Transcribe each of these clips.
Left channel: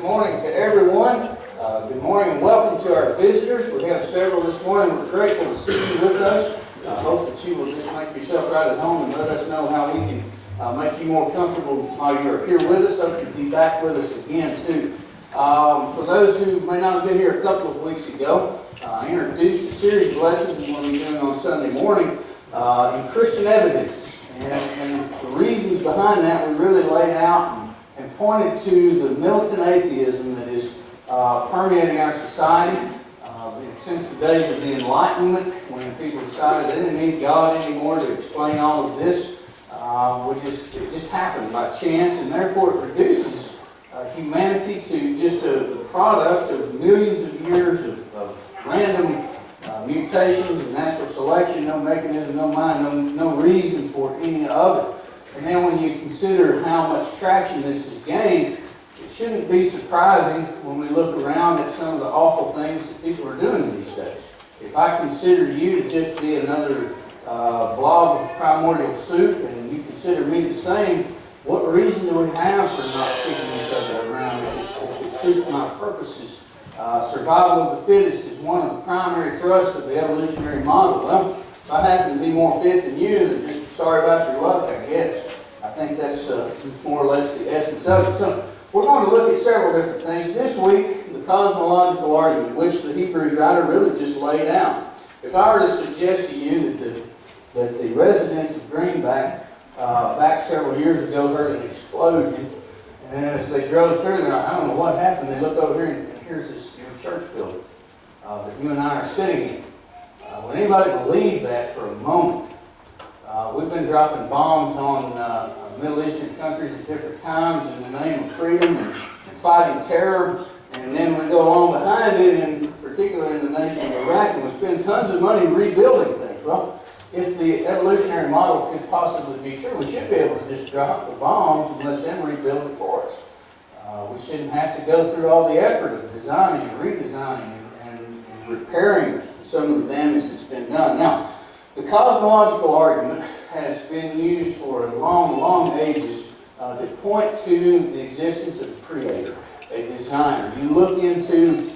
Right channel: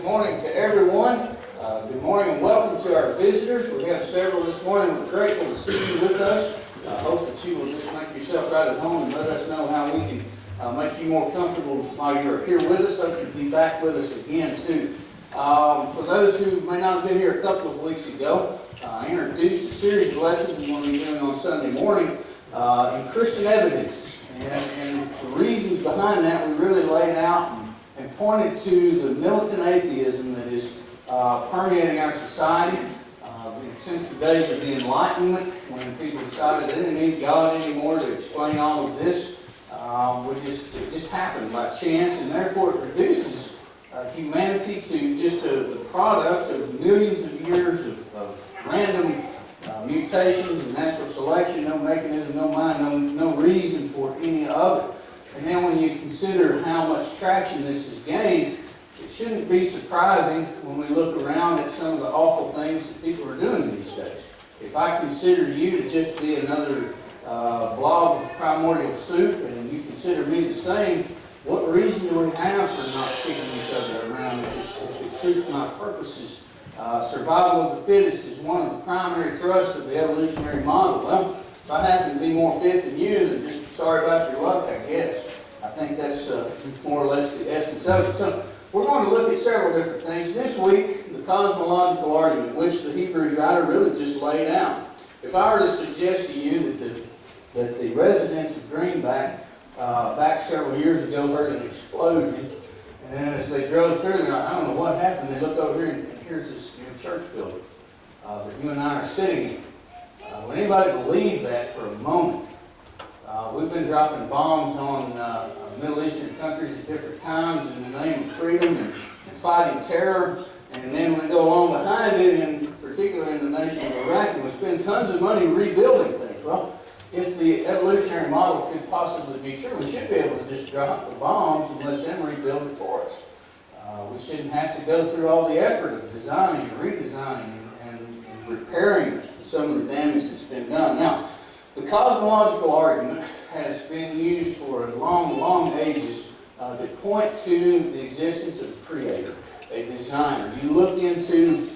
Good morning to everyone. Good morning and welcome to our visitors. We have several this morning. We're grateful to see you with us. I hope that you will just make yourself right at home and let us know how we can make you more comfortable while you're here with us. Hope you'll be back with us again too. For those who may not have been here a couple of weeks ago, I introduced a series of lessons we will be doing on Sunday morning in Christian evidences. And the reasons behind that we really laid out and pointed to the militant atheism that is permeating our society since the days of the Enlightenment, when people decided they didn't need God anymore to explain all of this. It just happened by chance, and therefore it reduces humanity to just the product of millions of years of random mutations and natural selection, no mechanism, no mind, no reason for any of it. And then when you consider how much traction this has gained, it shouldn't be surprising when we look around at some of the awful things that people are doing these days. If I consider you to just be another blob of primordial soup, and you consider me the same, what reason do we have for not kicking each other around if it suits my purposes? Survival of the fittest is one of the primary thrusts of the evolutionary model. Well, if I happen to be more fit than you, then just sorry about your luck, I guess. I think that's more or less the essence of it. So we're going to look at several different things. This week, the cosmological argument, which the Hebrews writer really just laid out. If I were to suggest to you that the residents of Greenback back several years ago heard an explosion, and as they drove through there, I don't know what happened, they look over here and here's this church building that you and I are sitting in. Would anybody believe that for a moment? We've been dropping bombs on Middle Eastern countries at different times in the name of freedom and fighting terror, and then we go along behind it, in particular in the nation of Iraq, and we spend tons of money rebuilding things. Well, if the evolutionary model could possibly be true, we should be able to just drop the bombs and let them rebuild it for us. We shouldn't have to go through all the effort of designing and redesigning and repairing some of the damage that's been done. Now, the cosmological argument has been used for long ages to point to the existence of a creator, a designer. You look into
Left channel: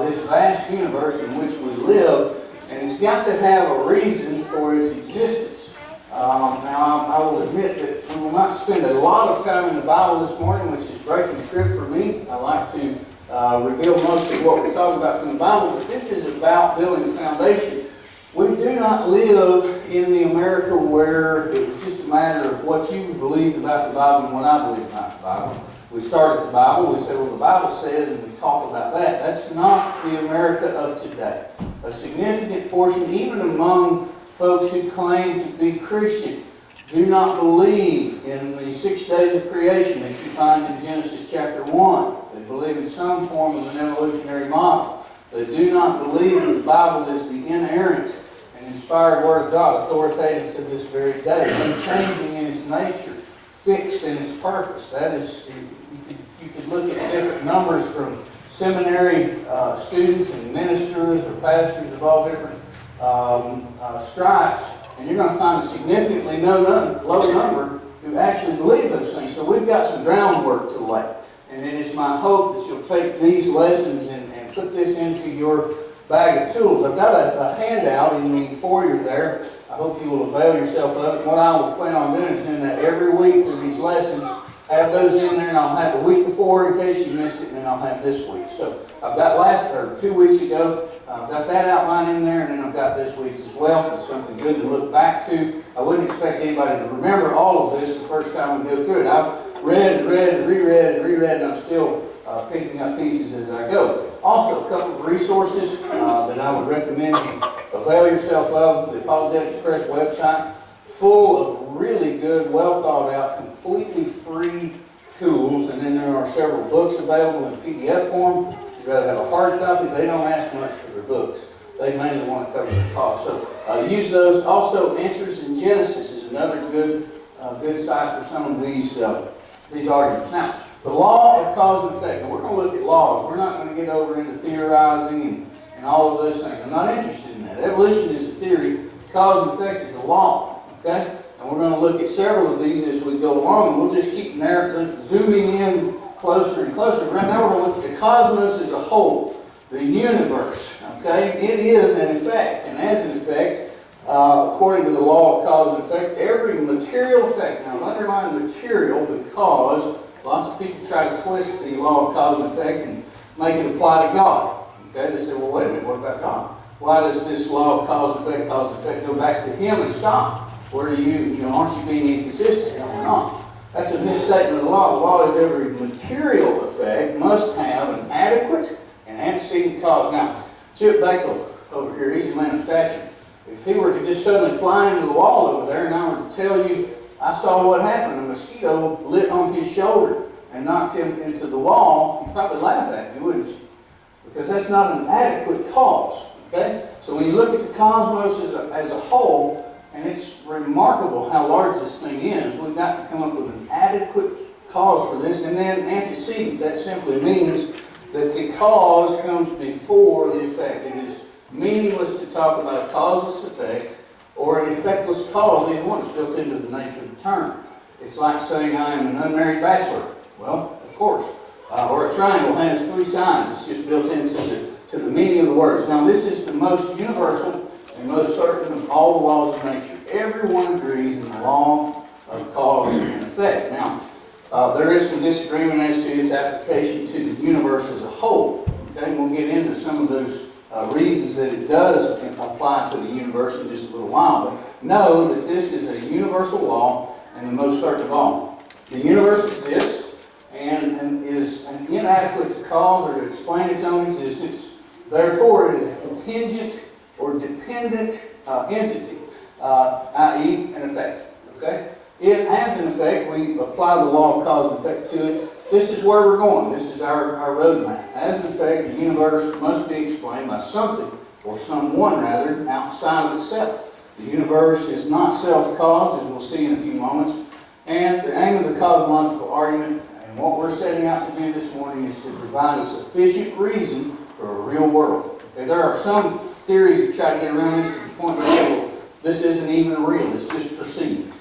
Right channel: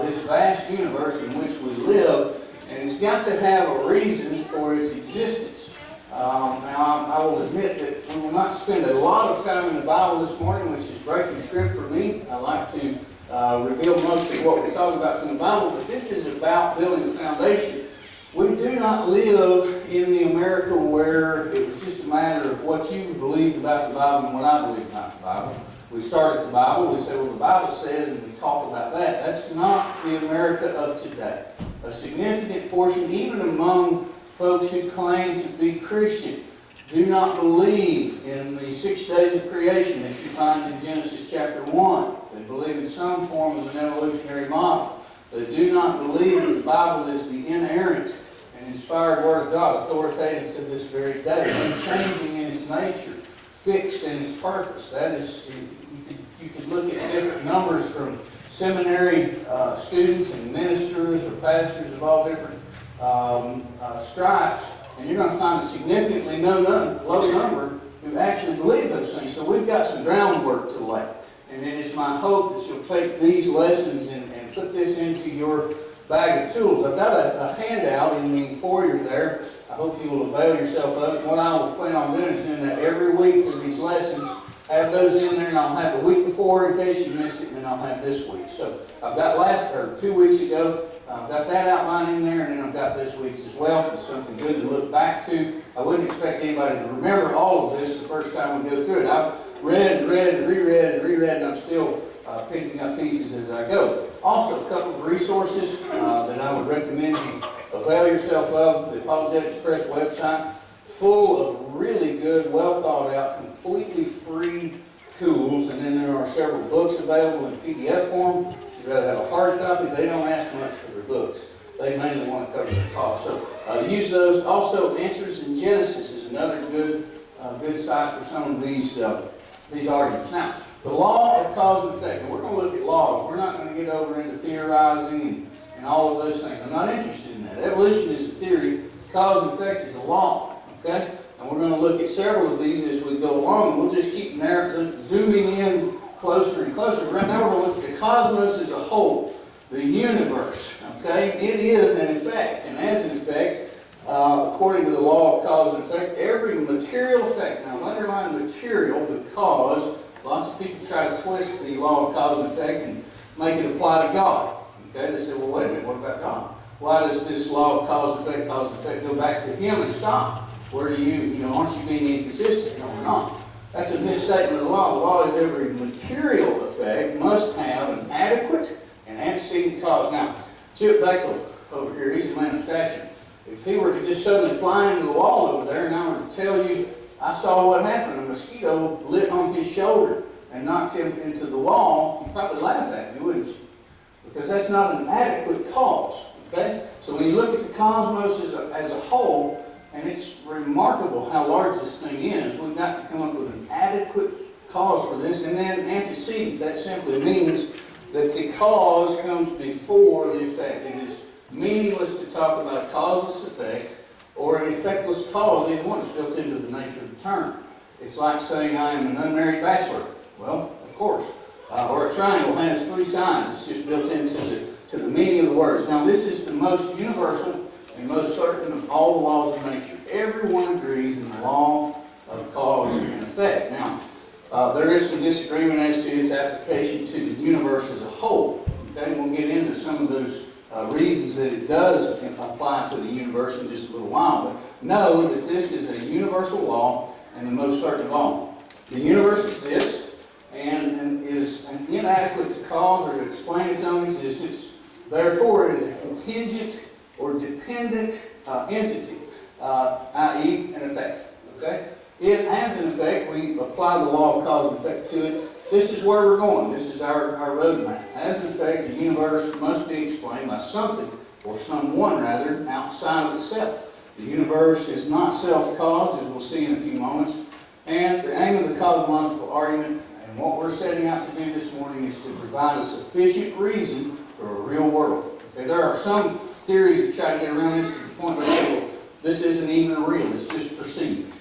this vast universe in which we live, and it's got to have a reason for its existence. Now, I will admit that we will not spend a lot of time in the Bible this morning, which is breaking script for me. I like to reveal most of what we talk about from the Bible, but this is about building a foundation. We do not live in the America where it was just a matter of what you believed about the Bible and what I believed about the Bible. We start at the Bible, we say, well, the Bible says, and we talk about that. That's not the America of today. A significant portion, even among folks who claim to be Christian, do not believe in the 6 days of creation that you find in Genesis chapter 1. They believe in some form of an evolutionary model. They do not believe that the Bible is the inerrant and inspired Word of God, authoritative to this very day, unchanging in its nature, fixed in its purpose. That is, you could look at different numbers from seminary students and ministers or pastors of all different stripes, and you're going to find a significantly low number who actually believe those things. So we've got some groundwork to lay. And it is my hope that you'll take these lessons and put this into your bag of tools. I've got a handout in the foyer there. I hope you will avail yourself of it. What I will plan on doing is doing that every week for these lessons. Have those in there, and I'll have a week before in case you missed it, and then I'll have this week. So I've got 2 weeks ago, I've got that outline in there, and then I've got this week's as well. It's something good to look back to. I wouldn't expect anybody to remember all of this the first time we go through it. I've read and reread, and I'm still picking up pieces as I go. Also, a couple of resources that I would recommend you avail yourself of. The Apologetics Press website, full of really good, well thought out, completely free tools, and then there are several books available in PDF form. If you'd rather have a hard copy, they don't ask much for their books. They mainly want to cover the cost. So use those. Also, Answers in Genesis is another good site for some of these arguments. Now, the law of cause and effect. And we're going to look at laws. We're not going to get over into theorizing and all of those things. I'm not interested in that. Evolution is a theory. Cause and effect is a law. Okay? And we're going to look at several of these as we go along. And we'll just keep zooming in closer and closer. Right now we're going to look at the cosmos as a whole, the universe. Okay, it is an effect, and as an effect, according to the law of cause and effect, every material effect. Now, underline material because lots of people try to twist the law of cause and effect and make it apply to God. Okay, they say, well, wait a minute, what about God? Why does this law of cause and effect go back to Him and stop? Where do aren't you being inconsistent? No, we're not. That's a misstatement of the law. The law is every material effect must have an adequate and antecedent cause. Now, Chip Bechtel over here, he's a man of stature. If he were to just suddenly fly into the wall over there and I were to tell you, I saw what happened, a mosquito lit on his shoulder and knocked him into the wall, you'd probably laugh at me, wouldn't you? Because that's not an adequate cause. Okay? So when you look at the cosmos as a whole, and it's remarkable how large this thing is, we've got to come up with an adequate cause for this. And then antecedent, that simply means that the cause comes before the effect. It is meaningless to talk about a causeless effect or an effectless cause. Either one is built into the nature of the term. It's like saying I am an unmarried bachelor. Well, of course. Or a triangle has 3 sides. It's just built into the meaning of the words. Now, this is the most universal and most certain of all the laws of nature. Everyone agrees in the law of cause and effect. Now, there is some disagreement as to its application to the universe as a whole. Okay, we'll get into some of those reasons that it does apply to the universe in just a little while. But know that this is a universal law and the most certain of all. The universe exists and is an inadequate to cause or to explain its own existence. Therefore, it is a contingent or dependent entity, i.e. an effect. Okay? It has an effect. We apply the law of cause and effect to it. This is where we're going. This is our roadmap. As an effect, the universe must be explained by something, or someone rather, outside of itself. The universe is not self-caused, as we'll see in a few moments. And the aim of the cosmological argument, and what we're setting out to do this morning, is to provide a sufficient reason for a real world. Okay, there are some theories that try to get around this to the point where this isn't even real, it's just perceived.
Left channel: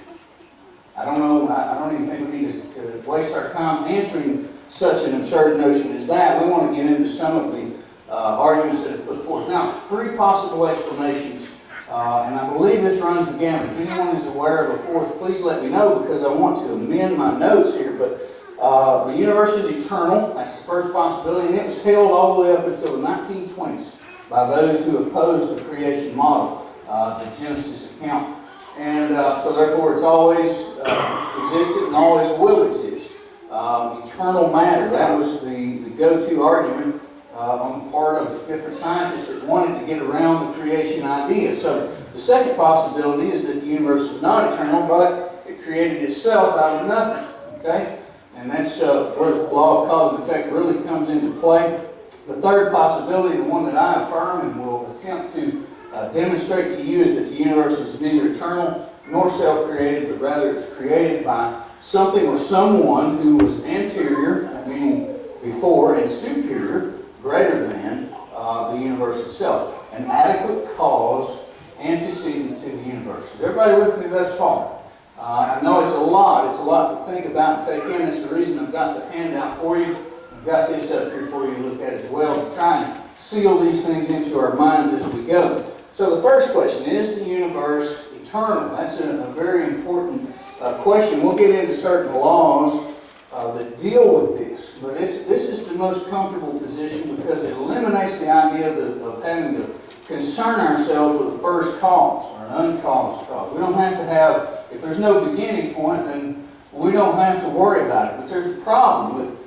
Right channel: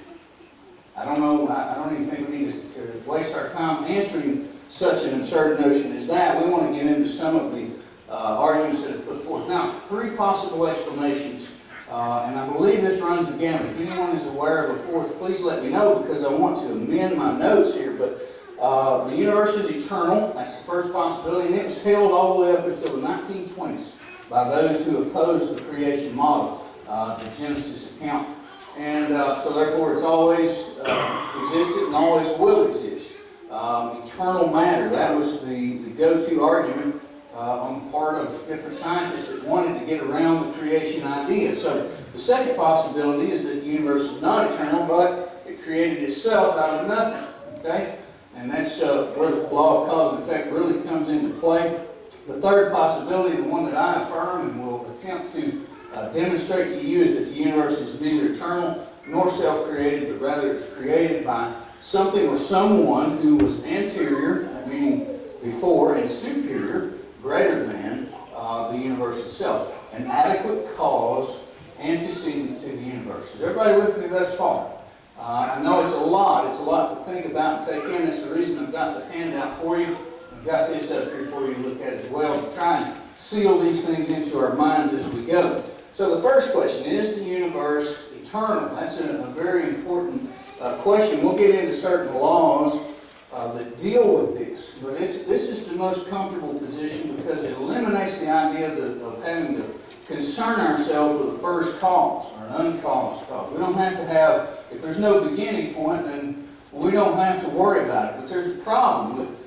I don't know, I don't even think we need to waste our time answering such an absurd notion as that. We want to get into some of the arguments that are put forth. Now, 3 possible explanations, and I believe this runs the gamut. If anyone is aware of a fourth, please let me know, because I want to amend my notes here. But the universe is eternal. That's the first possibility, and it was held all the way up until the 1920s by those who opposed the creation model, the Genesis account. And so therefore it's always existed and always will exist. Eternal matter, that was the go-to argument on the part of different scientists that wanted to get around the creation idea. So the second possibility is that the universe is not eternal, but it created itself out of nothing. Okay? And that's where the law of cause and effect really comes into play. The third possibility, the one that I affirm and will attempt to demonstrate to you, is that the universe is neither eternal nor self-created, but rather it's created by something or someone who was anterior, meaning before, and superior, greater than the universe itself. An adequate cause antecedent to the universe. Is everybody with me thus far? I know it's a lot to think about and take in. That's the reason I've got the handout for you. I've got this up here for you to look at as well, to try and seal these things into our minds as we go. So the first question, is the universe eternal? That's a very important question. We'll get into certain laws that deal with this. But this is the most comfortable position because it eliminates the idea of having to concern ourselves with a first cause or an uncaused cause. We don't have to have, if there's no beginning point, then we don't have to worry about it. But there's a problem with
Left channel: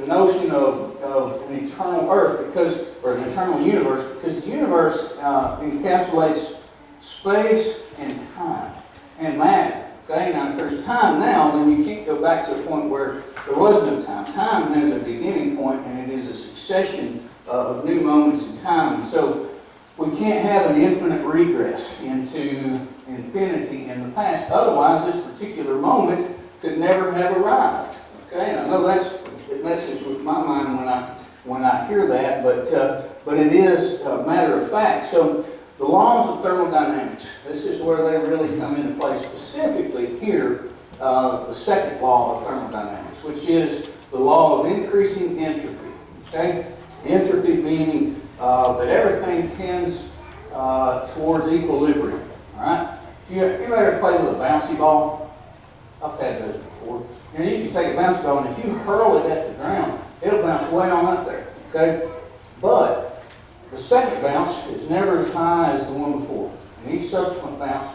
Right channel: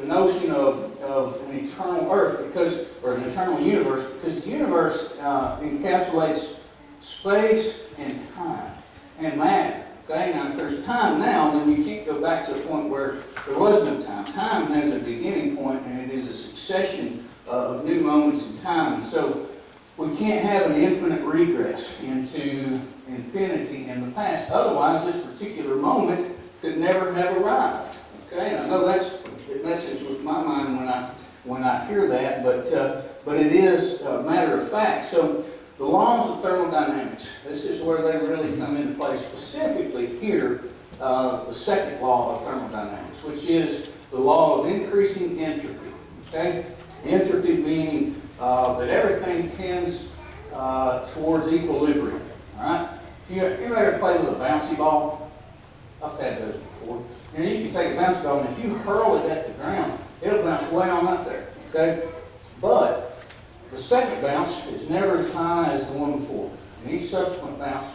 the notion of an eternal earth, or an eternal universe, because the universe encapsulates space and time and matter. Okay, now if there's time now, then you can't go back to a point where there was no time. Time has a beginning point, and it is a succession of new moments in time. And so we can't have an infinite regress into infinity in the past. Otherwise, this particular moment could never have arrived. Okay, and I know it messes with my mind when I hear that, but it is a matter of fact. So the laws of thermodynamics, this is where they really come into play. Specifically here, the second law of thermodynamics, which is the law of increasing entropy. Okay? Entropy meaning that everything tends towards equilibrium. All right? If you ever played with a bouncy ball? I've had those before. You know, you can take a bouncy ball, and if you hurl it at the ground, it'll bounce way on up there. Okay? But the second bounce is never as high as the one before. And each subsequent bounce,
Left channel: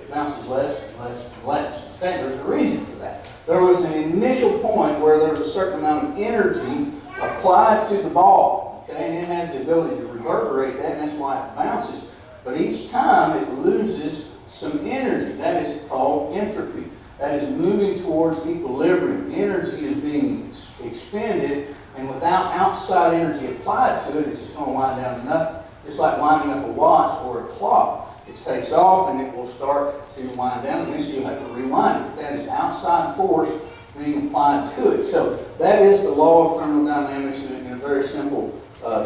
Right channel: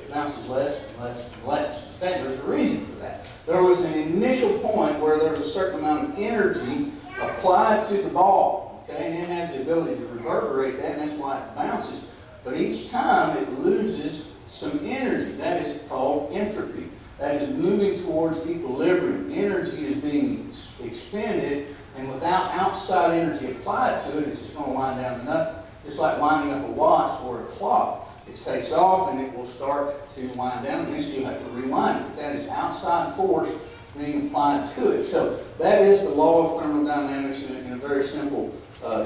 it bounces less and less and less. Okay? There's a reason for that. There was an initial point where there was a certain amount of energy applied to the ball. Okay? And it has the ability to reverberate that, and that's why it bounces. But each time it loses some energy. That is called entropy. That is moving towards equilibrium. Energy is being expended, and without outside energy applied to it, it's just going to wind down to nothing. Just like winding up a watch or a clock. It takes off and it will start to wind down, and eventually you'll have to rewind it. That is outside force being applied to it. So that is the law of thermodynamics in a very simple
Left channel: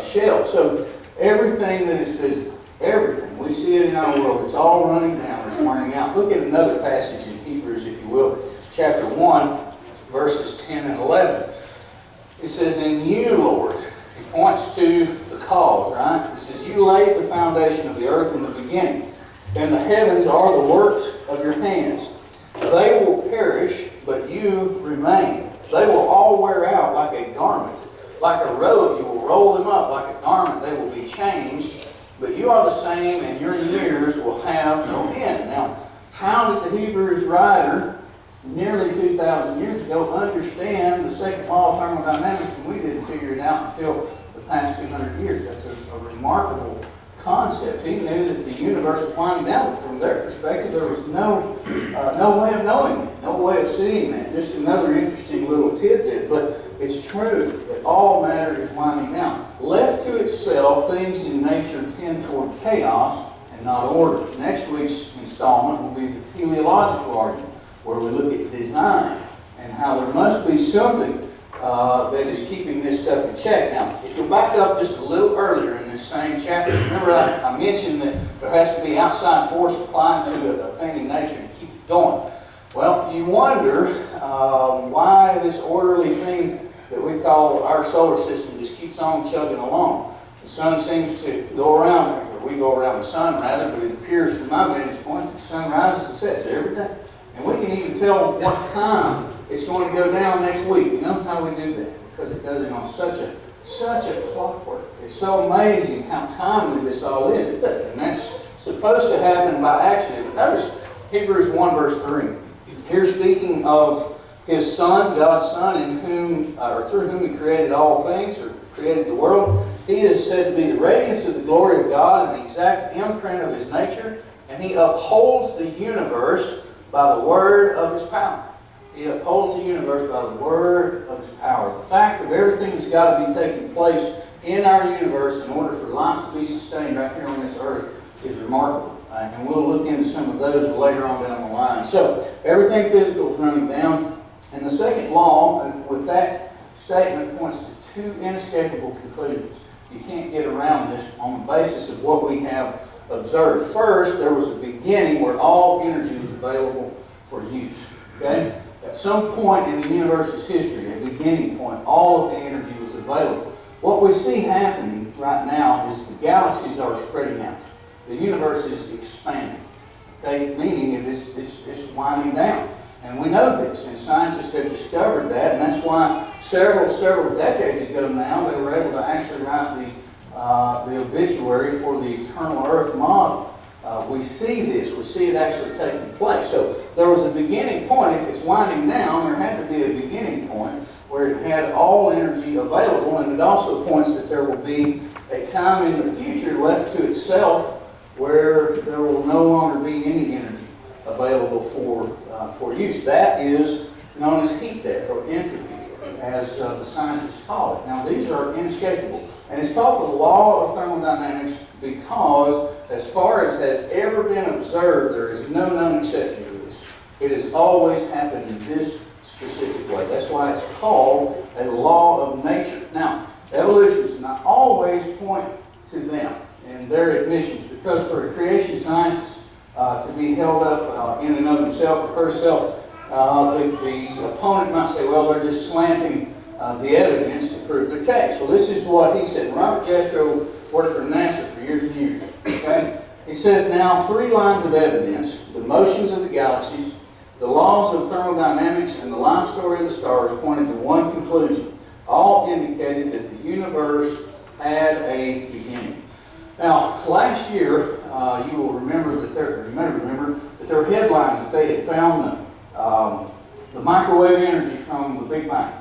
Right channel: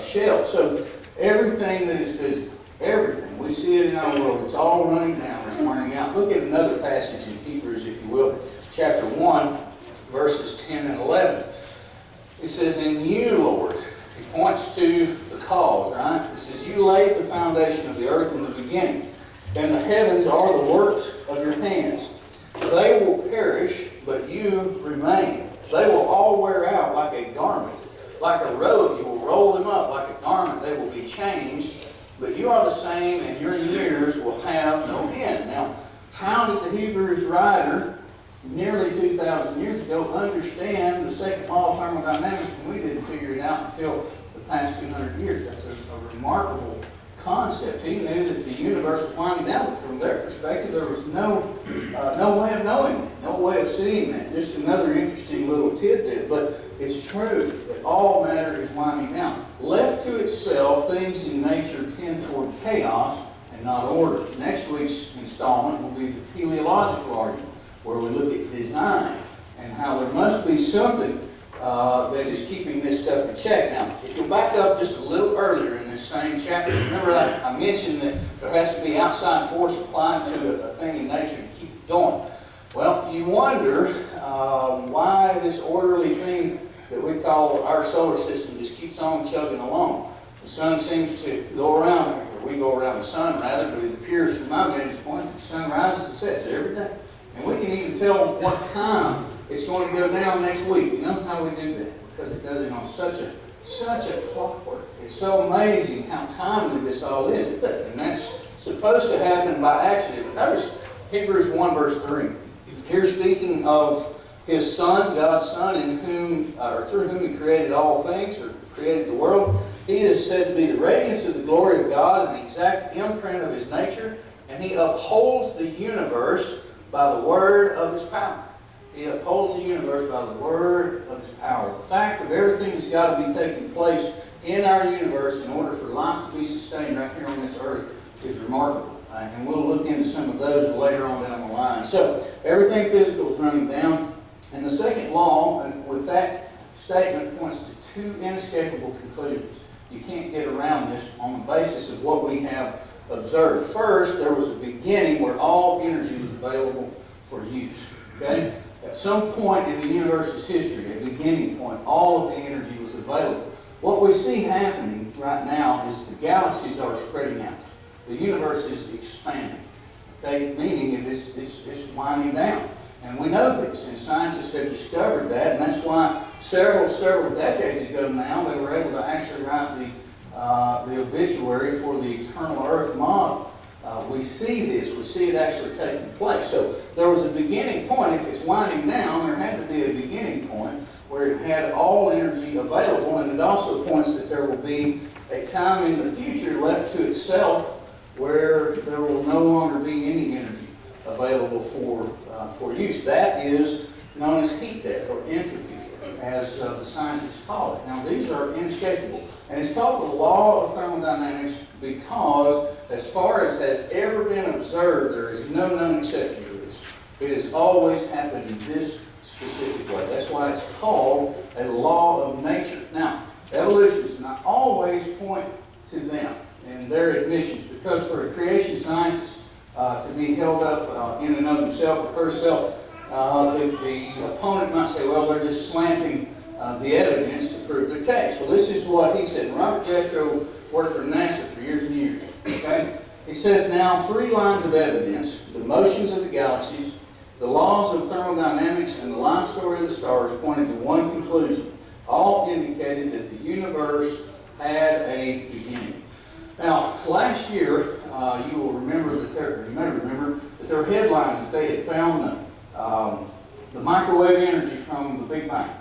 shell. So everything that is physical, everything, we see it in our world, it's all running down, it's wearing out. Look at another passage in Hebrews, if you will, chapter 1, verses 10 and 11. It says, "In you, Lord," he points to the cause, right? It says, "You laid the foundation of the earth in the beginning, and the heavens are the works of your hands. They will perish, but you remain. They will all wear out like a garment. Like a robe, you will roll them up. Like a garment, they will be changed. But you are the same, and your years will have no end." Now, how did the Hebrews writer, nearly 2,000 years ago, understand the second law of thermodynamics when we didn't figure it out until the past 200 years? That's a remarkable concept. He knew that the universe was winding down, but from their perspective, there was no way of knowing that, no way of seeing that. Just another interesting little tidbit, but it's true that all matter is winding down. Left to itself, things in nature tend toward chaos and not order. Next week's installment will be the teleological argument, where we look at design and how there must be something that is keeping this stuff in check. Now, if you'll back up just a little earlier in this same chapter, remember I mentioned that there has to be outside force applied to a thing in nature to keep it going. Well, you wonder why this orderly thing that we call our solar system just keeps on chugging along. The sun seems to go around, or we go around the sun rather, but it appears from my vantage point that the sun rises and sets every day. And we can even tell what time it's going to go down next week. You know how we do that? Because it does it on such a clockwork. It's so amazing how timely this all is. And that's supposed to happen by accident. But notice Hebrews 1 verse 3. Here speaking of His Son, God's Son, in whom, or through whom He created all things, or created the world. He is said to be the radiance of the glory of God and the exact imprint of His nature, and He upholds the universe by the word of His power. He upholds the universe by the word of His power. The fact of everything that's got to be taking place in our universe in order for life to be sustained right here on this earth is remarkable. And we'll look into some of those later on down the line. So, everything physical is running down. And the second law, with that statement, points to two inescapable conclusions. You can't get around this on the basis of what we have observed. First, there was a beginning where all energy was available for use. Okay? At some point in the universe's history, a beginning point, all of the energy was available. What we see happening right now is the galaxies are spreading out. The universe is expanding. Okay? Meaning it's winding down. And we know this, and scientists have discovered that, and that's why several decades ago now, they were able to actually write the obituary for the eternal Earth model. We see this. We see it actually taking place. So there was a beginning point. If it's winding down, there had to be a beginning point where it had all energy available, and it also points that there will be a time in the future left to itself where there will no longer be any energy available for use. That is known as heat death or entropy, as the scientists call it. Now, these are inescapable. And it's called the law of thermodynamics because, as far as has ever been observed, there is no known exception to this. It has always happened in this specific way. That's why it's called a law of nature. Now, evolutionists not always point to them in their admissions, because for a creation scientist to be held up in and of himself or herself, the opponent might say, well, they're just slanting the evidence to prove their case. Well, this is what he said. Robert Jastrow worked for NASA for years and years. Okay? He says now 3 lines of evidence: the motions of the galaxies, the laws of thermodynamics, and the life story of the stars pointed to one conclusion. All indicated that the universe had a beginning. Now, last year, you will remember that you may remember that there were headlines that they had found the microwave energy from the Big Bang.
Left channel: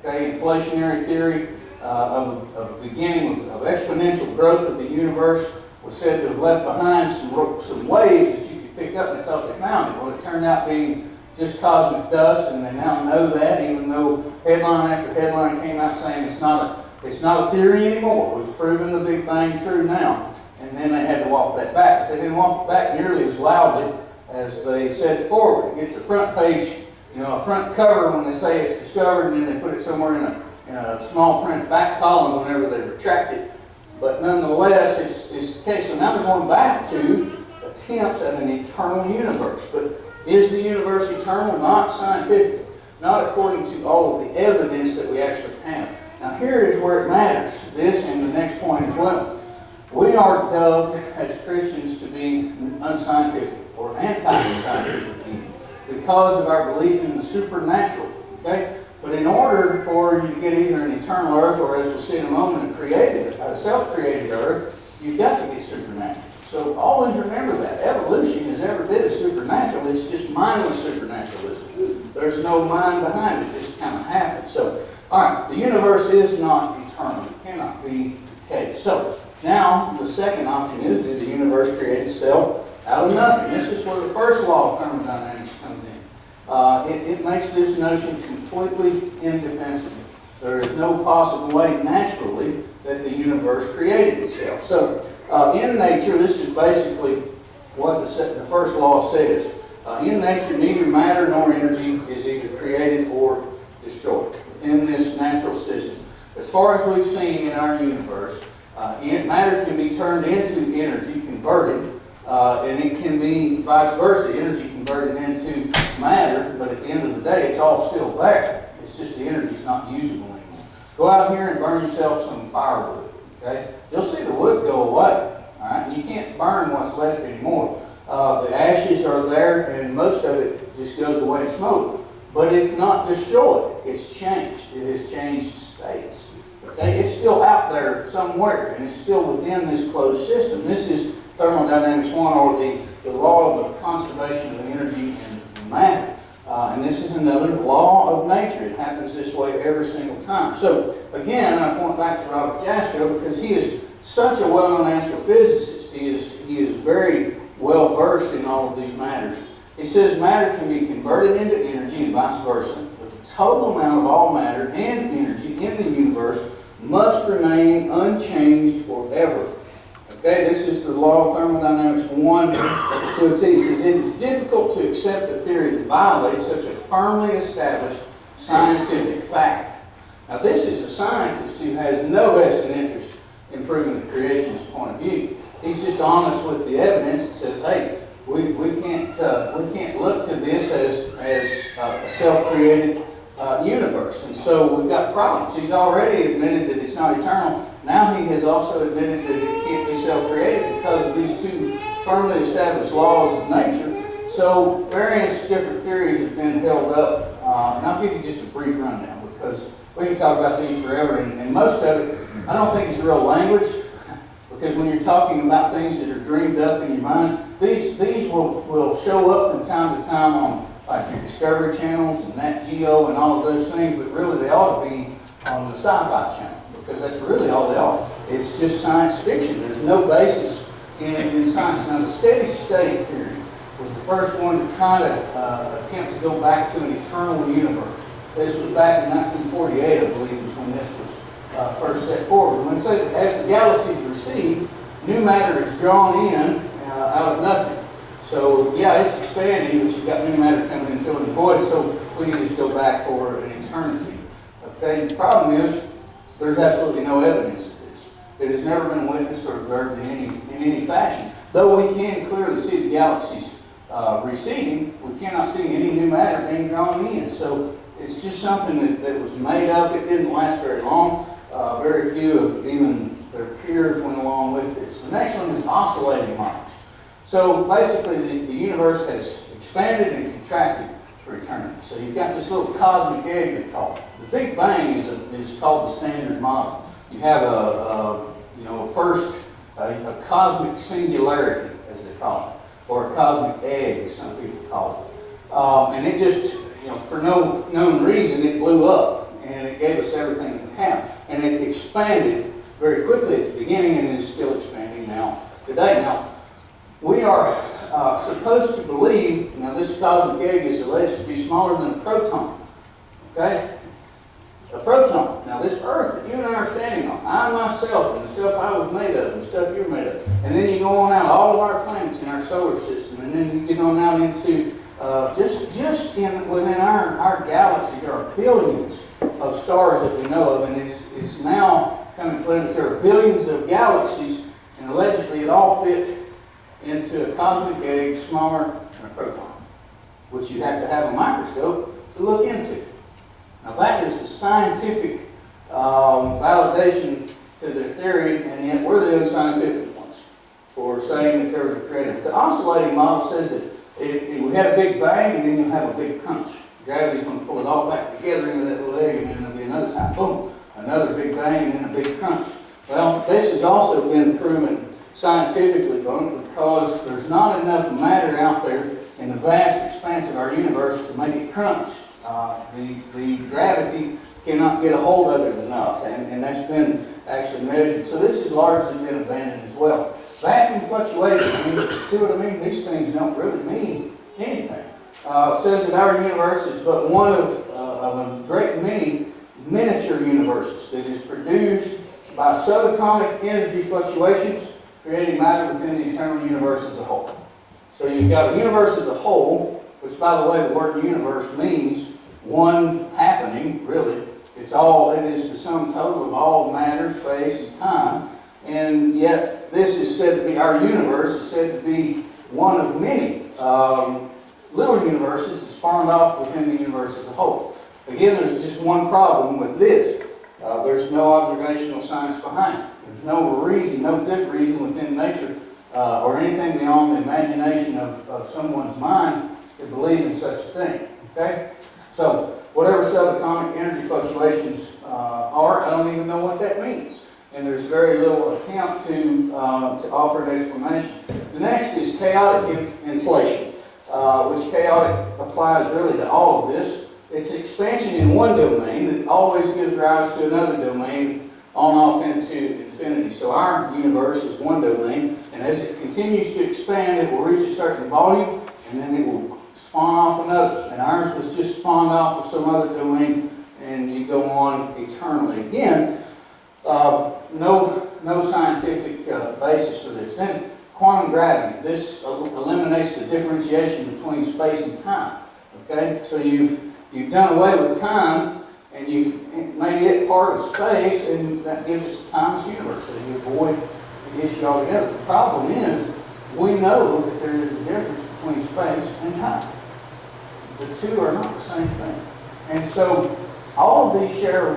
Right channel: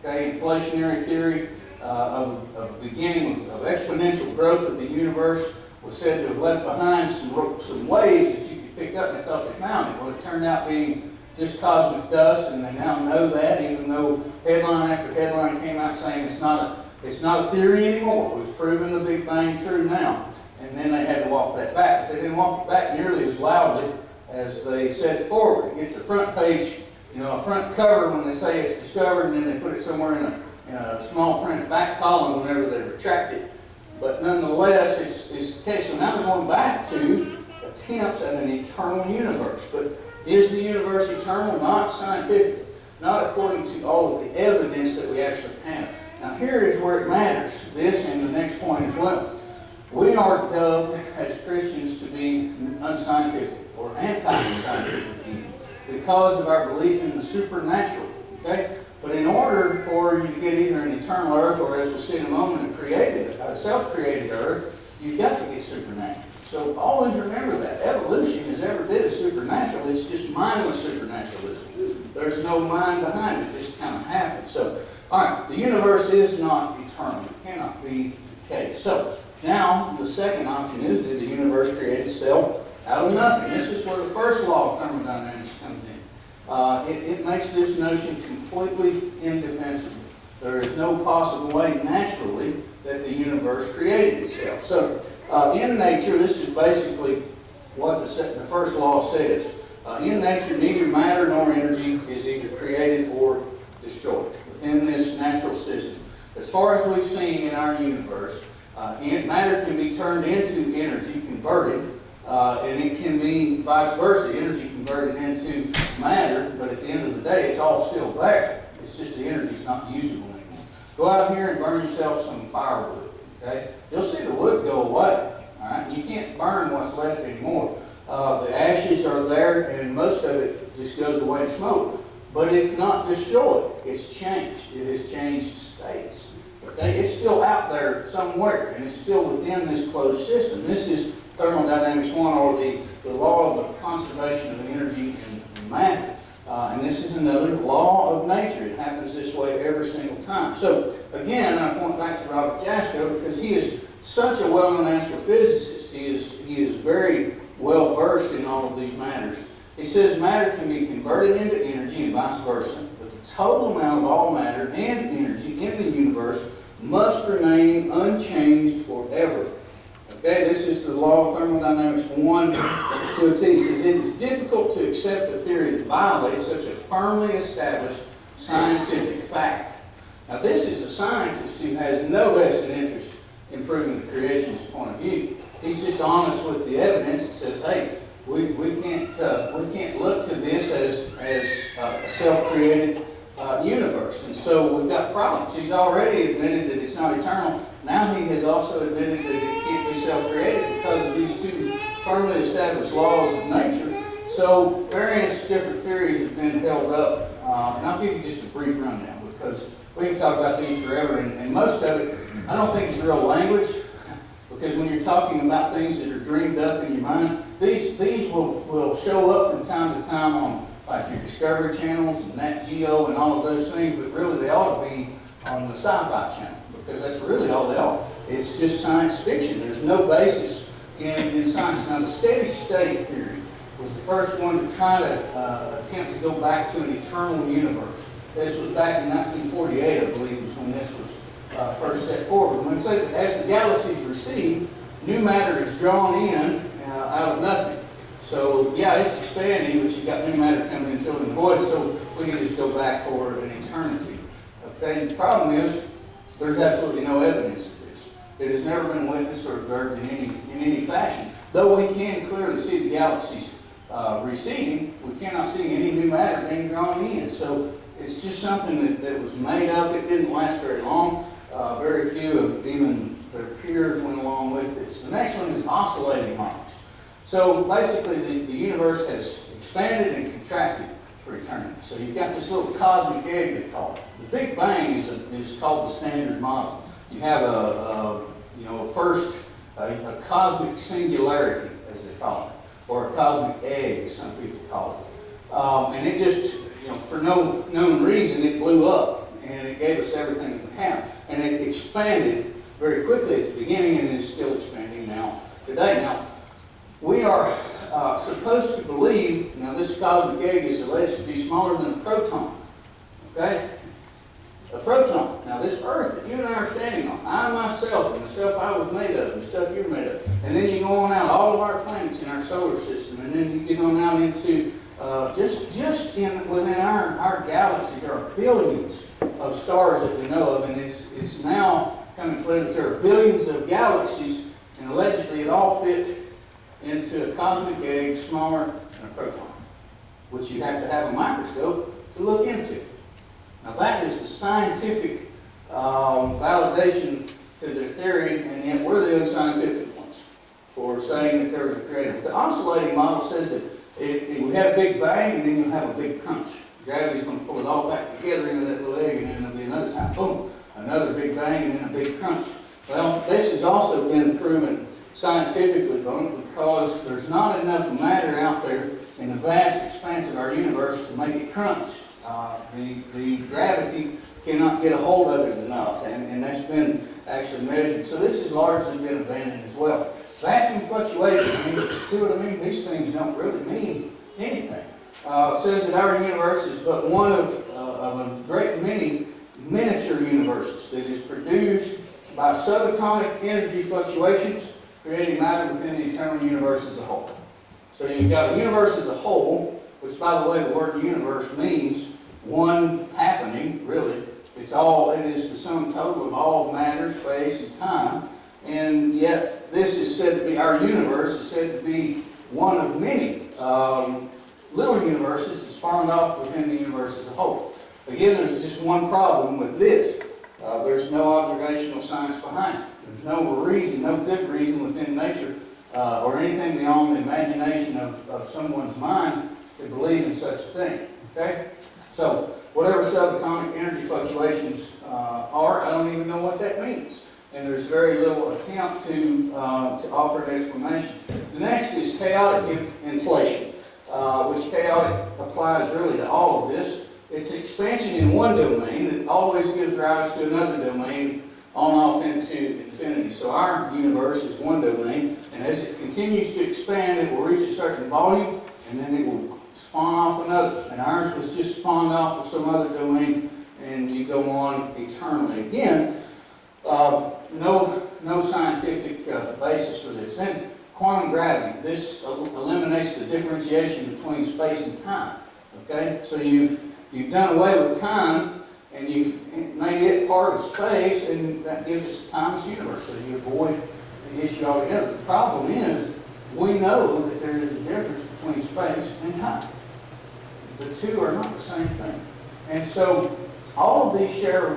Okay, inflationary theory of a beginning of exponential growth of the universe was said to have left behind some waves that you could pick up, and they thought they found it. Well, it turned out being just cosmic dust, and they now know that, even though headline after headline came out saying it's not a theory anymore. We've proven the Big Bang true now. And then they had to walk that back. But they didn't walk it back nearly as loudly as they said it forward. It gets a front page, a front cover when they say it's discovered, and then they put it somewhere in a small print back column whenever they retract it. But nonetheless, it's the case. So now they're going back to attempts at an eternal universe. But is the universe eternal? Not scientifically. Not according to all of the evidence that we actually have. Now here is where it matters, this and the next point as well. We are dubbed as Christians to be unscientific or anti-scientific because of our belief in the supernatural. Okay? But in order for you to get either an eternal earth or, as we'll see in a moment, a self-created earth, you've got to get supernatural. So always remember that. Evolution is every bit as supernatural. It's just mindless supernaturalism. There's no mind behind it. It just kind of happens. So, all right, the universe is not eternal. It cannot be the case. So, now the second option is, did the universe create itself out of nothing? This is where the first law of thermodynamics comes in. It makes this notion completely indefensible. There is no possible way naturally that the universe created itself. So, in nature, this is basically what the first law says. In nature, neither matter nor energy is either created or destroyed within this natural system. As far as we've seen in our universe, matter can be turned into energy, converted, and it can be vice versa, energy converted into matter, but at the end of the day, it's all still there. It's just the energy's not usable anymore. Go out here and burn yourself some firewood, okay? You'll see the wood go away, all right? You can't burn what's left anymore. The ashes are there, and most of it just goes away in smoke. But it's not destroyed. It's changed. It has changed states. Okay? It's still out there somewhere, and it's still within this closed system. This is thermodynamics 1, or the law of the conservation of energy and matter. And this is another law of nature. It happens this way every single time. So, again, I point back to Robert Jastrow because he is such a well-known astrophysicist. He is very well versed in all of these matters. He says matter can be converted into energy and vice versa, but the total amount of all matter and energy in the universe must remain unchanged forever. Okay, this is the law of thermodynamics 1 to a T. It says it is difficult to accept a theory that violates such a firmly established scientific fact. Now, this is a scientist who has no vested interest in proving the creationist point of view. He's just honest with the evidence and says, hey, we can't look to this as a self-created universe. And so we've got problems. He's already admitted that it's not eternal. Now he has also admitted that it can't be self-created because of these two firmly established laws of nature. So various different theories have been held up. And I'll give you just a brief rundown because we can talk about these forever. And most of it, I don't think it's real language. Because when you're talking about things that are dreamed up in your mind, these will show up from time to time on like your Discovery channels and Nat Geo and all of those things, but really they ought to be on the Sci-Fi channel because that's really all they are. It's just science fiction. There's no basis in science. Now, the steady state theory was the first one to try to attempt to go back to an eternal universe. This was back in 1948, I believe, was when this was first set forward. When it says that as the galaxies recede, new matter is drawn in out of nothing. So, yeah, it's expanding, but you've got new matter coming in, filling the void, so we can just go back for an eternity. Okay, the problem is there's absolutely no evidence of this. It has never been witnessed or observed in any fashion. Though we can clearly see the galaxies receding, we cannot see any new matter being drawn in. So It's just something that was made up. It didn't last very long. Very few of even their peers went along with this. The next one is oscillating models. So basically, the universe has expanded and contracted for eternity. So you've got this little cosmic egg, they call it. The Big Bang is called the standard model. You have a cosmic singularity, as they call it, or a cosmic egg, as some people call it. And it just, for no known reason, it blew up, and it gave us everything that we have. And it expanded very quickly at the beginning, and is still expanding now today. Now, we are supposed to believe, now this cosmic egg is alleged to be smaller than a proton, okay? A proton. Now this Earth that you and I are standing on, I myself, and the stuff I was made of, and the stuff you're made of, and then you go on out, all of our planets in our solar system, and then you get on out into, within our galaxy, there are billions of stars that we know of, and it's now coming clear that there are billions of galaxies, and allegedly it all fit into a cosmic egg smaller than a proton, which you have to have a microscope to look into. Now that is the scientific validation to their theory, and yet we're the unscientific ones for saying that there was a creator. The oscillating model says that we had a big bang, and then you'll have a big crunch. Gravity's going to pull it all back together into that little egg, and then there'll be another time, boom, another big bang, and then a big crunch. Well, this has also been proven scientifically because there's not enough matter out there in the vast expanse of our universe to make it crunch. The gravity cannot get a hold of it enough, and that's been actually measured. So this has largely been abandoned as well. Vacuum fluctuation, see what I mean? These things don't really mean anything. It says that our universe is but one of a great many miniature universes that is produced by subatomic energy fluctuations, creating matter within the eternal universe as a whole. So you've got a universe as a whole, which, by the way, the word universe means one happening, really. It is the sum total of all matter, space, and time. And yet, this is said to be, our universe is said to be one of many little universes that spawned off within the universe as a whole. Again, there's just one problem with this. There's no observational science behind it. There's no reason, no good reason within nature or anything beyond the imagination of someone's mind to believe in such a thing. Okay? So, whatever subatomic energy fluctuations are, I don't even know what that means. And there's very little attempt to offer an explanation. The next is chaotic inflation, which chaotic applies really to all of this. It's expansion in one domain that always gives rise to another domain on off into infinity. So our universe is one domain, and as it continues to expand, it will reach a certain volume, and then it will spawn off another. And ours was just spawned off of some other domain, and you go on eternally. Again, no scientific basis for this. Then quantum gravity. This eliminates the differentiation between space and time. Okay, so you've done away with time, and you've made it part of space, and that gives us a timeless universe. So you avoid the issue altogether. The problem is, we know that there is a difference between space and time. The two are not the same thing. And so all of these share,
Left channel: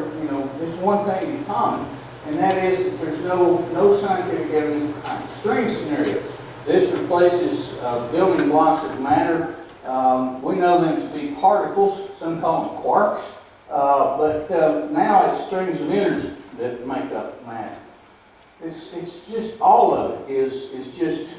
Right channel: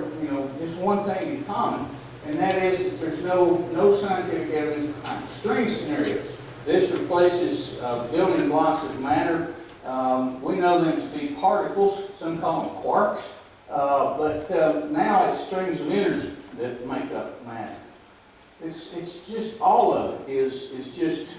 this one thing in common, and that is that there's no scientific evidence behind it. String scenarios. This replaces building blocks of matter. We know them to be particles. Some call them quarks. But now it's strings of energy that make up matter. It's just, all of it is just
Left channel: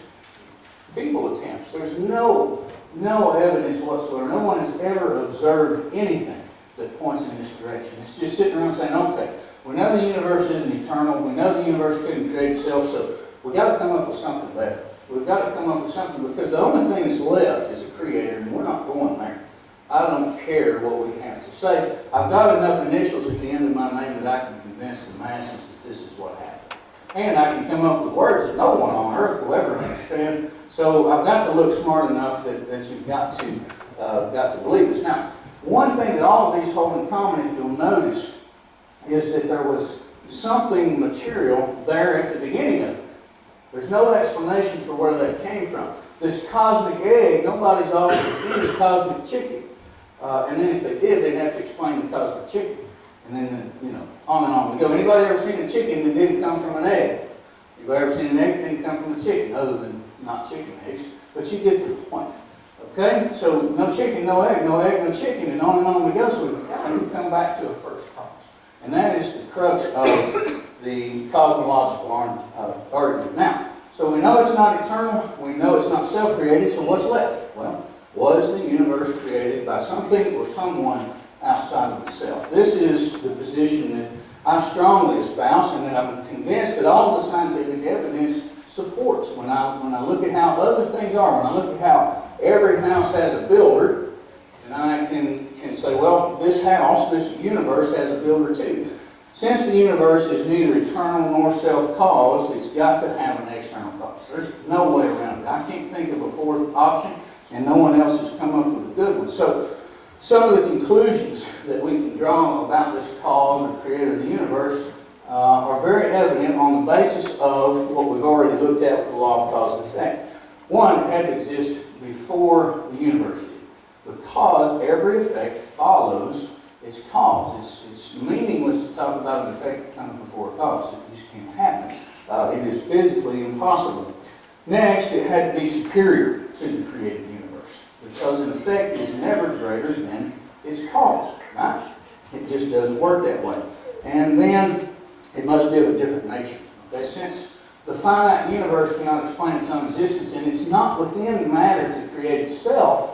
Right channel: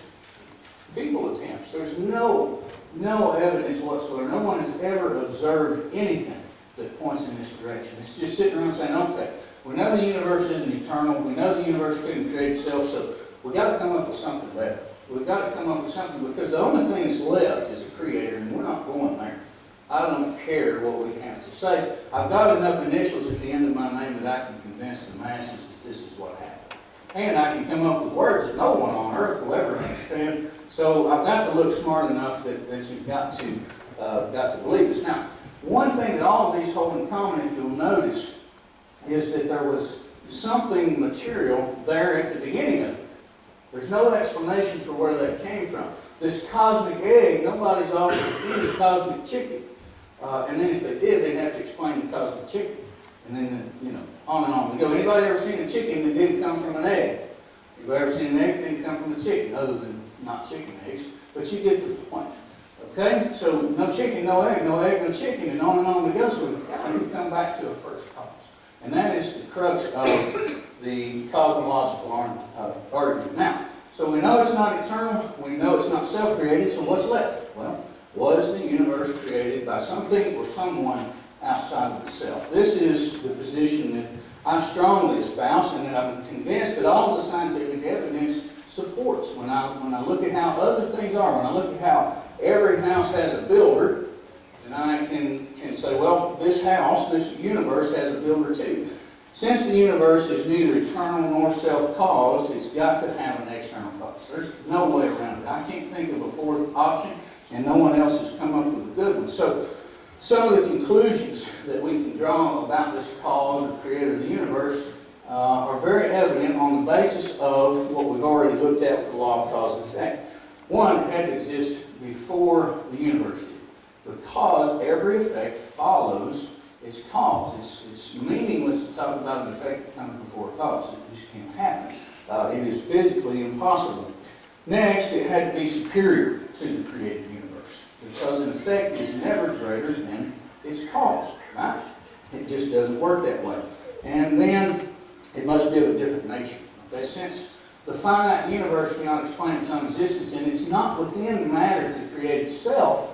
feeble attempts. There's no evidence whatsoever. No one has ever observed anything that points in this direction. It's just sitting around saying, okay, we know the universe isn't eternal. We know the universe couldn't create itself, so we've got to come up with something better. We've got to come up with something, because the only thing that's left is a creator, and we're not going there. I don't care what we have to say. I've got enough initials at the end of my name that I can convince the masses that this is what happened. And I can come up with words that no one on earth will ever understand. So I've got to look smart enough that you've got to believe this. Now, one thing that all of these hold in common, if you'll notice, is that there was something material there at the beginning of it. There's no explanation for where that came from. This cosmic egg, nobody's offered to eat a cosmic chicken. And then if they did, they'd have to explain because of the chicken. And then, on and on we go. Anybody ever seen a chicken that didn't come from an egg? Anybody ever seen an egg that didn't come from a chicken, other than not chicken eggs? But you get the point. Okay? So no chicken, no egg, no egg, no chicken, and on we go. So we come back to a first cause. And that is the crux of the cosmological argument. Now, so we know it's not eternal, we know it's not self-created, so what's left? Well, was the universe created by something or someone outside of itself? This is the position that I strongly espouse, and that I'm convinced that all the scientific evidence supports. When I look at how other things are, when I look at how every house has a builder, and I can say, well, this house, this universe has a builder too. Since the universe is neither eternal nor self-caused, it's got to have an external cause. There's no way around it. I can't think of a fourth option, and no one else has come up with a good one. So some of the conclusions that we can draw about this cause or creator of the universe are very evident on the basis of what we've already looked at with the law of cause and effect. One, it had to exist before the universe did, because every effect follows its cause. It's meaningless to talk about an effect that comes before a cause. It just can't happen. It is physically impossible. Next, it had to be superior to the created universe, because an effect is never greater than its cause, right? It just doesn't work that way. And then it must be of a different nature. Okay? Since the finite universe cannot explain its own existence, and it's not within matter to create itself,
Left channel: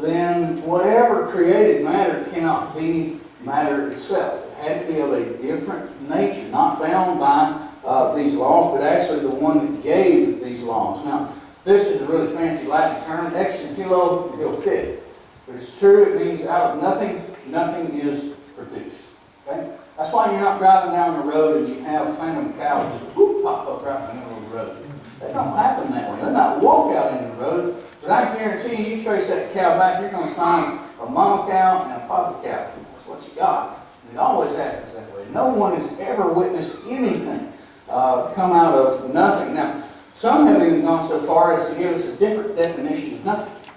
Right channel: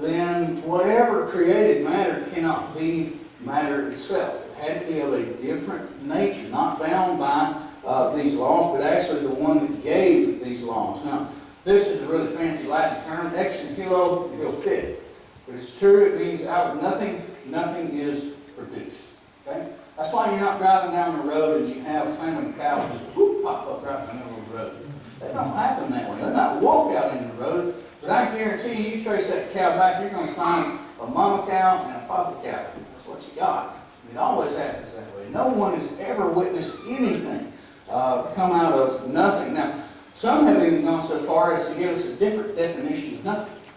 then whatever created matter cannot be matter itself. It had to be of a different nature, not bound by these laws, but actually the one that gave these laws. Now, this is a really fancy Latin term, ex nihilo nihil fit. But it's true, it means out of nothing, nothing is produced. Okay? That's why you're not driving down the road and you have phantom cows just whoop, pop up right in the middle of the road. They don't happen that way. They might walk out in the road, but I guarantee you trace that cow back, you're going to find a mama cow and a papa cow. That's what you got. And it always happens that way. No one has ever witnessed anything come out of nothing. Now, some have even gone so far as to give us a different definition of nothing.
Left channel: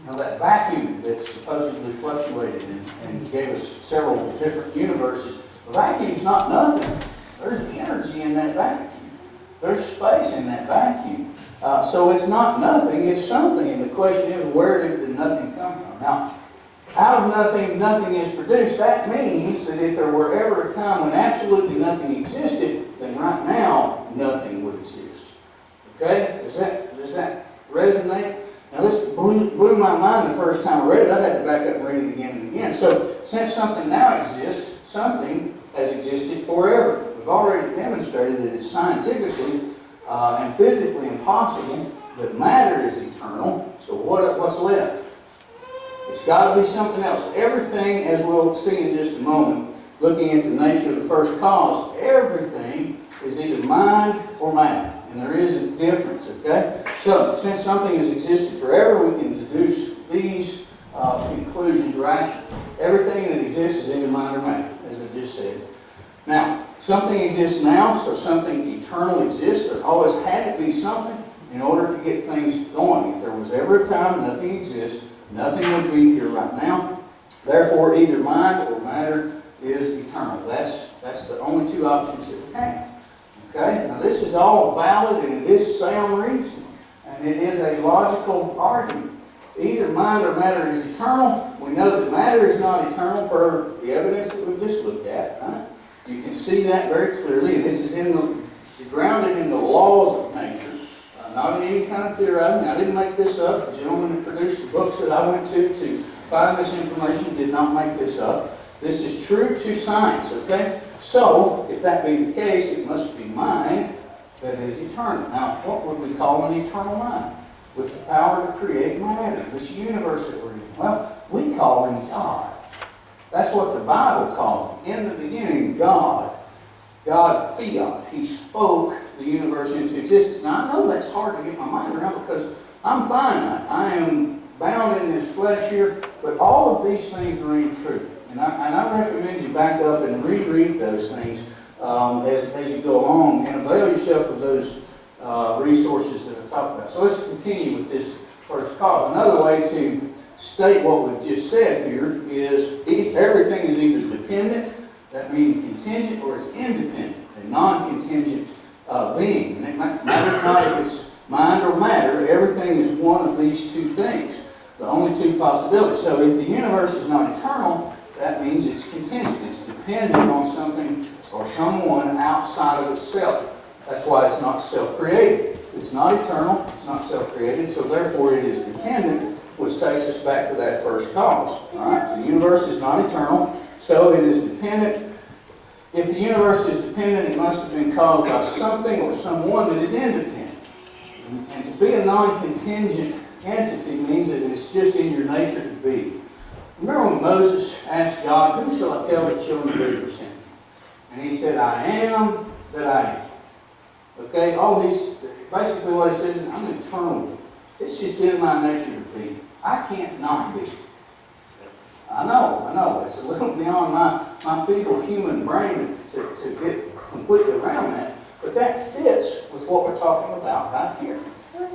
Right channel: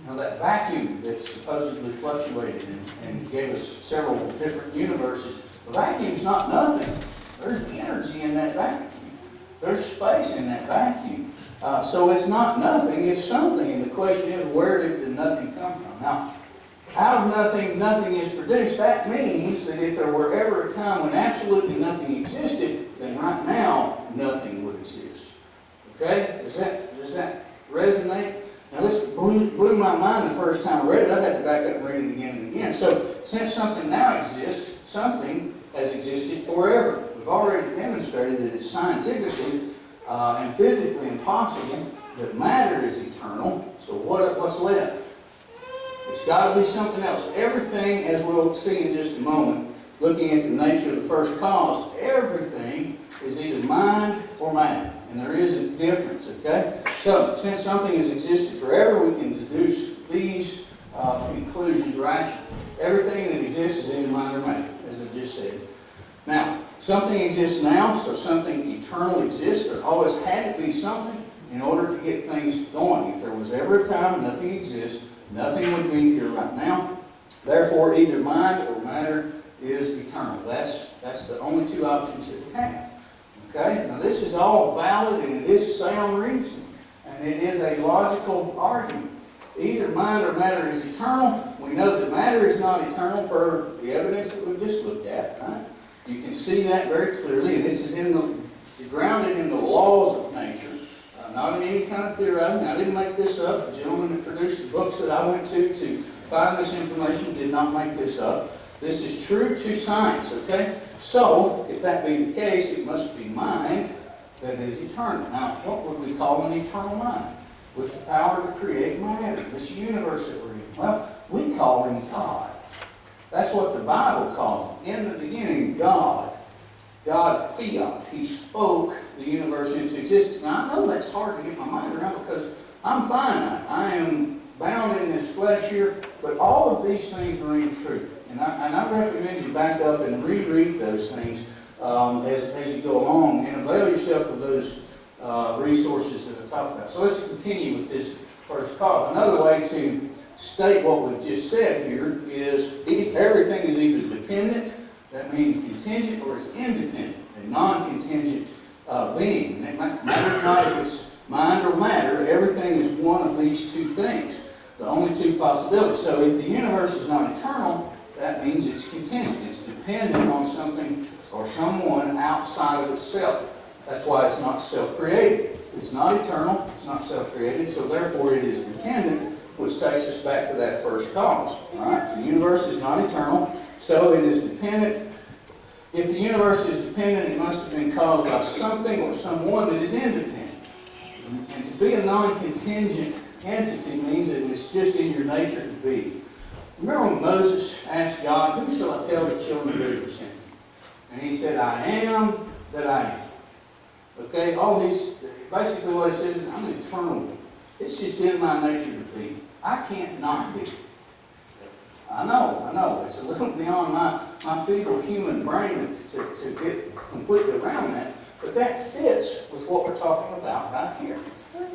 You know, that vacuum that supposedly fluctuated and gave us several different universes. The vacuum's not nothing. There's energy in that vacuum. There's space in that vacuum. So it's not nothing, it's something. And the question is, where did the nothing come from? Now, out of nothing, nothing is produced. That means that if there were ever a time when absolutely nothing existed, then right now, nothing would exist. Okay? Does that resonate? Now this blew my mind the first time I read it. I had to back up and read it again and again. So since something now exists, something has existed forever. We've already demonstrated that it's scientifically and physically impossible that matter is eternal. So what's left? It's got to be something else. Everything, as we'll see in just a moment, looking at the nature of the first cause, everything is either mind or matter. And there is a difference, okay? So, since something has existed forever, we can deduce these conclusions rationally. Everything that exists is either mind or matter, as I just said. Now, something exists now, so something eternal exists. There always had to be something in order to get things going. If there was ever a time nothing exists, nothing would be here right now. Therefore, either mind or matter is eternal. That's the only two options that we have. Okay? Now this is all valid and it is sound reasoning. And it is a logical argument. Either mind or matter is eternal. We know that matter is not eternal for the evidence that we've just looked at. Right? You can see that very clearly. And this is grounded in the laws of nature. Not in any kind of theorizing. I didn't make this up. The gentleman that produced the books that I went to find this information did not make this up. This is true to science, okay? So, if that be the case, it must be mind that is eternal. Now, what would we call an eternal mind? With the power to create matter, this universe that we're in. Well, we call him God. That's what the Bible calls him. In the beginning, God, fiat, he spoke the universe into existence. Now, I know that's hard to get my mind around because I'm finite. I am bound in this flesh here, but all of these things ring true. And I recommend you back up and reread those things as you go along and avail yourself of those resources that I talked about. So let's continue with this first cause. Another way to state what we've just said here is everything is either dependent, that means contingent, or it's independent, a non-contingent being. And it matters not if it's mind or matter, everything is one of these two things, the only two possibilities. So if the universe is not eternal, that means it's contingent. It's dependent on something or someone outside of itself. That's why it's not self-created. It's not eternal, it's not self-created, so therefore it is dependent, which takes us back to that first cause. All right? The universe is not eternal, so it is dependent. If the universe is dependent, it must have been caused by something or someone that is independent. And to be a non-contingent entity means that it's just in your nature to be. Remember when Moses asked God, "Who shall I tell the children of Israel sent me?" And he said, "I am that I am." Okay, all these, basically what he says is, I'm eternal. It's just in my nature to be. I can't not be. I know. It's a little beyond my feeble human brain to get completely around that. But that fits with what we're talking about right here.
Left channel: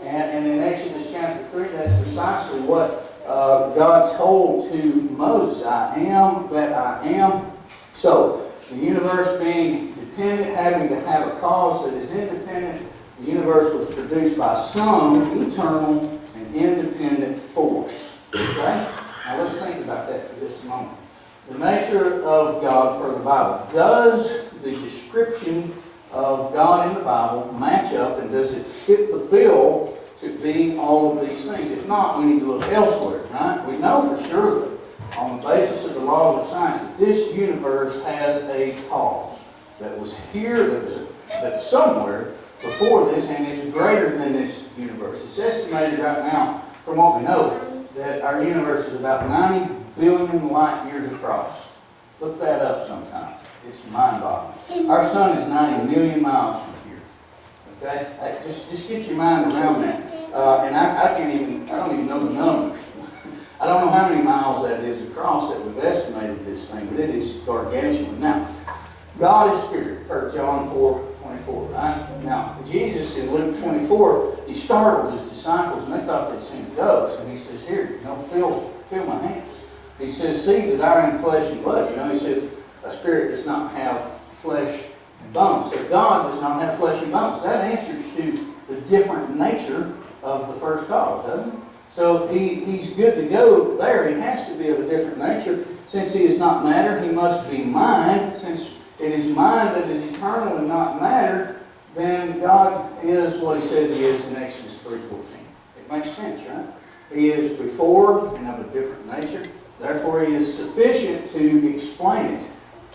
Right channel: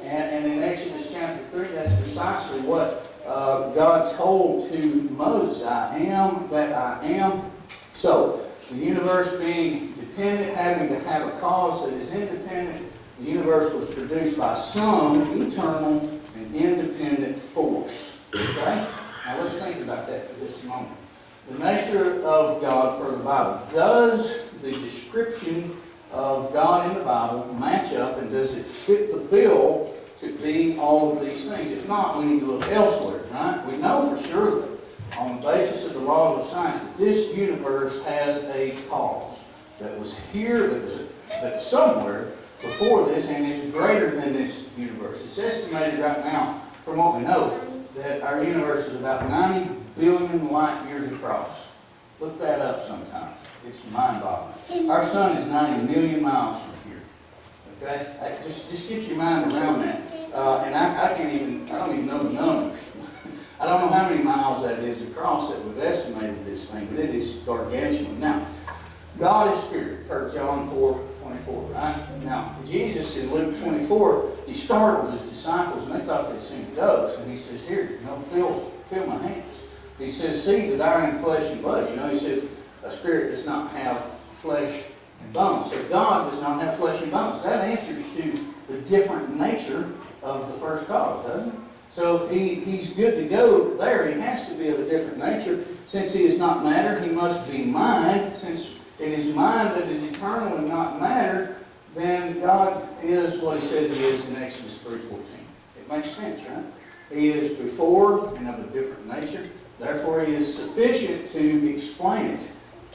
And in Exodus chapter 3, that's precisely what God told to Moses. I am that I am. So, the universe being dependent, having to have a cause that is independent, the universe was produced by some eternal and independent force. Okay? Now let's think about that for just a moment. The nature of God per the Bible. Does the description of God in the Bible match up, and does it fit the bill to be all of these things? If not, we need to look elsewhere, right? We know for sure that on the basis of the laws of science that this universe has a cause that was here, that's somewhere before this, and is greater than this universe. It's estimated right now, from what we know, that our universe is about 90 billion light years across. Look that up sometime. It's mind-boggling. Our sun is 90 million miles from here. Okay? Just get your mind around that. And I don't even know the numbers. I don't know how many miles that is across that we've estimated this thing, but it is gargantuan. Now, God is spirit, per John 4:24, right? Now, Jesus in Luke 24, he startled his disciples, and they thought they'd seen a ghost. And he says, "Here, feel my hands." He says, "See that I am flesh and blood." He says, a spirit does not have flesh and bones. So God does not have flesh and bones. That answers to the different nature of the first cause, doesn't it? So he's good to go there. He has to be of a different nature. Since he is not matter, he must be mind. Since it is mind that is eternal and not matter, then God is what he says he is in Exodus 3:14. It makes sense, right? He is before and of a different nature. Therefore, he is sufficient to explain it.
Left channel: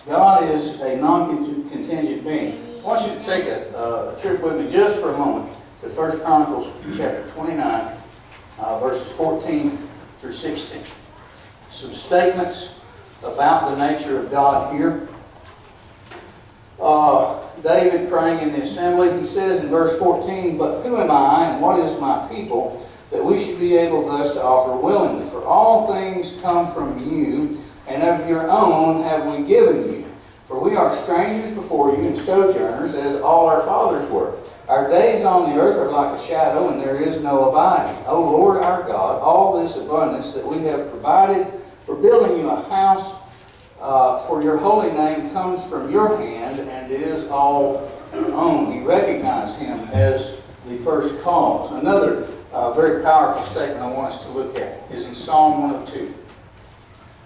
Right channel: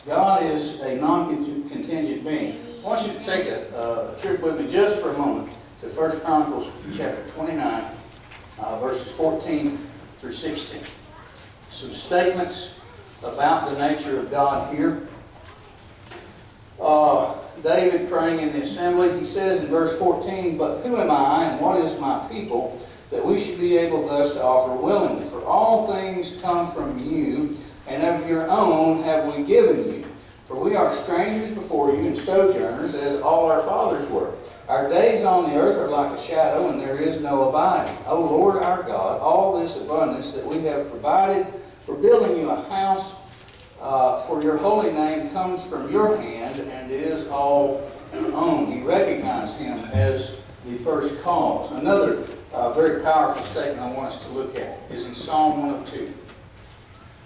God is a non-contingent being. I want you to take a trip with me just for a moment to 1 Chronicles chapter 29, verses 14 through 16. Some statements about the nature of God here. David praying in the assembly, he says in verse 14, "But who am I and what is my people, that we should be able thus to offer willingly? For all things come from you, and of your own have we given you. For we are strangers before you and sojourners, as all our fathers were. Our days on the earth are like a shadow, and there is no abiding. O Lord our God, all this abundance that we have provided for building you a house for your holy name comes from your hand, and is all your own." He recognized him as the first cause. Another very powerful statement I want us to look at is in Psalm 102.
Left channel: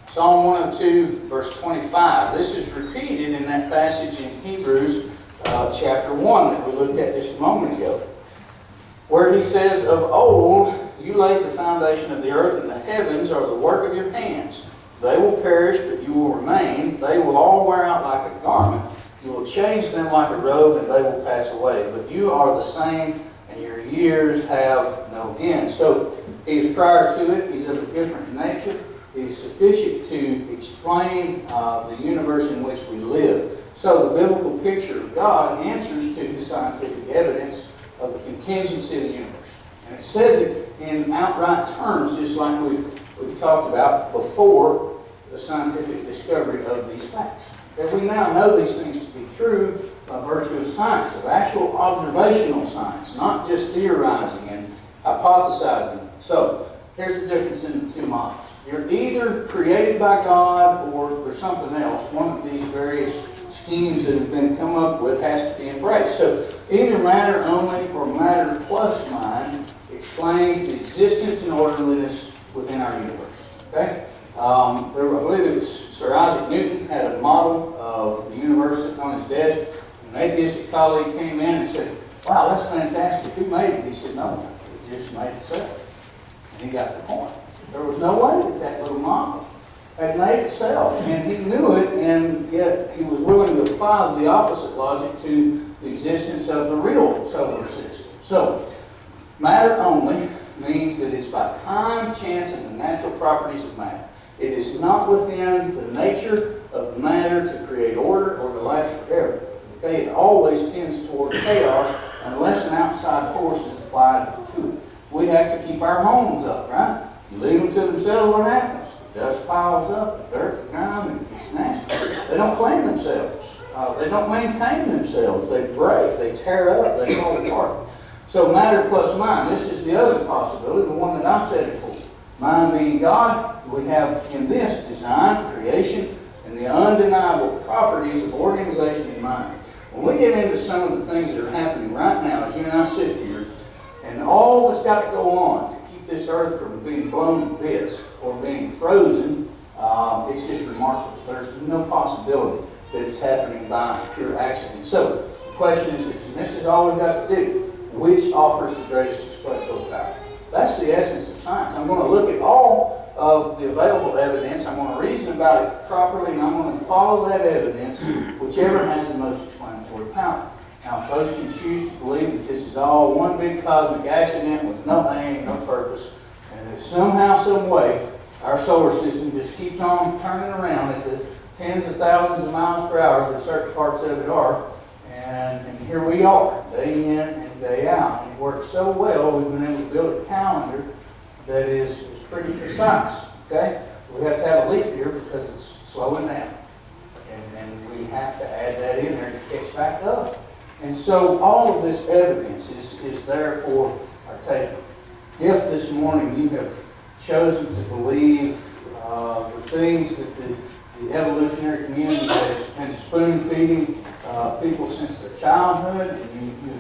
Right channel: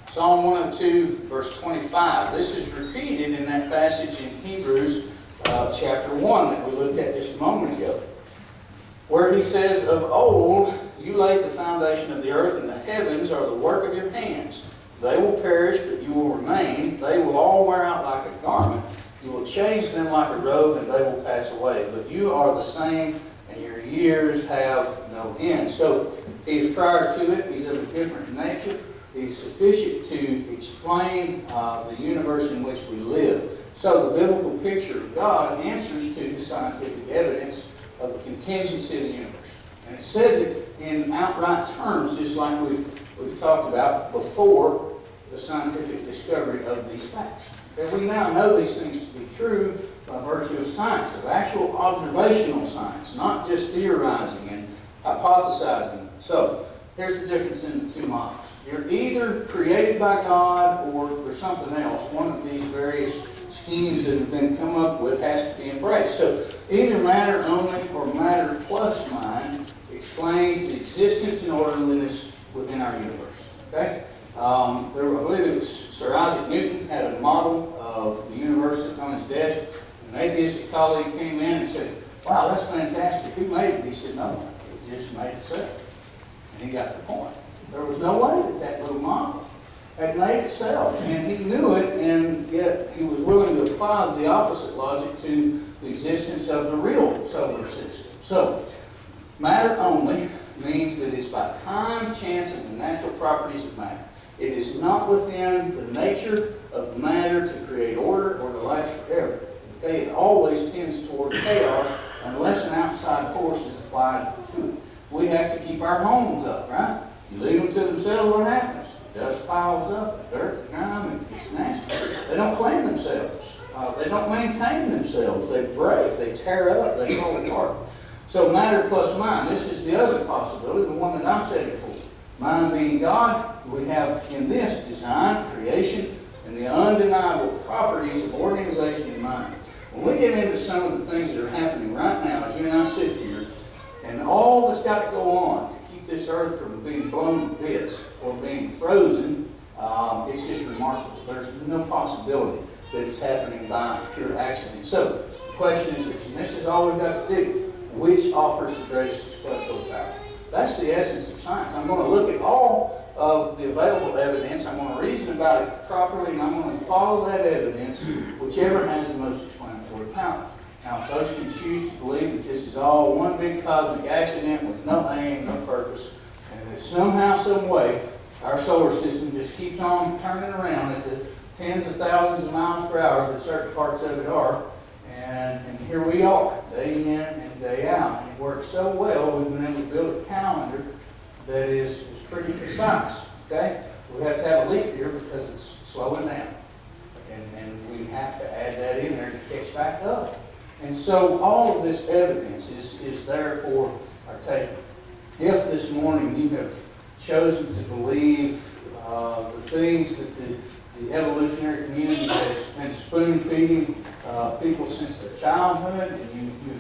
Psalm 102, verse 25. This is repeated in that passage in Hebrews chapter 1 that we looked at just a moment ago, where he says, "Of old you laid the foundation of the earth, and the heavens are the work of your hands. They will perish, but you will remain. They will all wear out like a garment. You will change them like a robe, and they will pass away. But you are the same, and your years have no end." So he is prior to it. He's of a different nature. He's sufficient to explain the universe in which we live. So the biblical picture of God answers to the scientific evidence of the contingency of the universe. And it says it in outright terms, just like we've talked about before the scientific discovery of these facts. And we now know these things to be true by virtue of science, of actual observational science, not just theorizing and hypothesizing. So, here's the difference in the two models. You're either created by God or there's something else. One of these various schemes that have been come up with has to be embraced. So either matter only or matter plus mind explains the existence and orderliness within our universe. Okay? I believe it was Sir Isaac Newton had a model of the universe sitting on his desk. An atheistic colleague came in and said, "Wow, that's fantastic. Who made it?" He said, "No, it just made itself." And he got the point. There was no way that that little model had made itself. And he knew it, and yet he was willing to apply the opposite logic to the existence of the real solar system. So, matter only means that it's by time, chance, and the natural properties of matter. It is not within the nature of matter to create order or to last forever. Okay? It always tends toward chaos unless an outside force is applied to it. We have to keep our homes up, right? You leave them to themselves, what happens? The dust piles up, the dirt, the grime, and it's nasty. They don't clean themselves. They don't maintain themselves. They break, they tear up, they fall apart. So matter plus mind, this is the other possibility, the one that I'm setting for. Mind being God, we have in this design, creation, and the undeniable properties of organization in mind. When we get into some of the things that are happening right now, as you and I sit here, and all that's got to go on to keep this earth from being blown to bits or being frozen, it's just remarkable. There's no possibility that it's happening by pure accident. So the question is this, and this is all we've got to do. Which offers the greatest explanatory power? That's the essence of science. I'm going to look at all of the available evidence. I'm going to reason about it properly, and I'm going to follow that evidence, whichever has the most explanatory power. Now, folks can choose to believe that this is all one big cosmic accident with no aim, no purpose, and that somehow, some way, our solar system just keeps on turning around at the tens of thousands of miles per hour that certain parts of it are. And here we are, day in and day out. And it works so well, we've been able to build a calendar that is pretty precise. Okay? We have to have a leap year because it's slowing down. And we have to add that in there to catch back up. And so all of this evidence is there for our taking. If this morning you have chosen to believe the things that the evolutionary community has been spoon-feeding people since their childhood, and you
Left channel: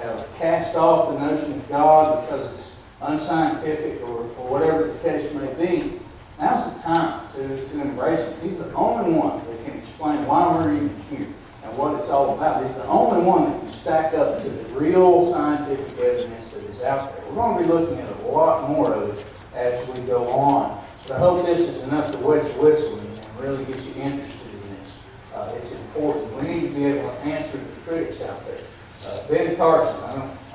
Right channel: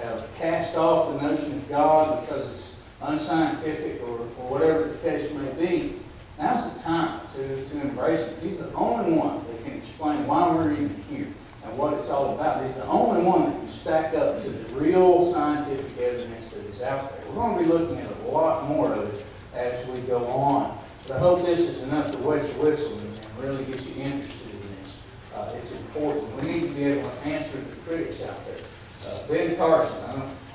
have cast off the notion of God because it's unscientific or whatever the case may be, now's the time to embrace it. He's the only one that can explain why we're even here and what it's all about. He's the only one that can stack up to the real scientific evidence that is out there. We're going to be looking at a lot more of it as we go on. But I hope this is enough to wet your whistle and really get you interested in this. It's important. We need to be able to answer the critics out there. Ben Carson,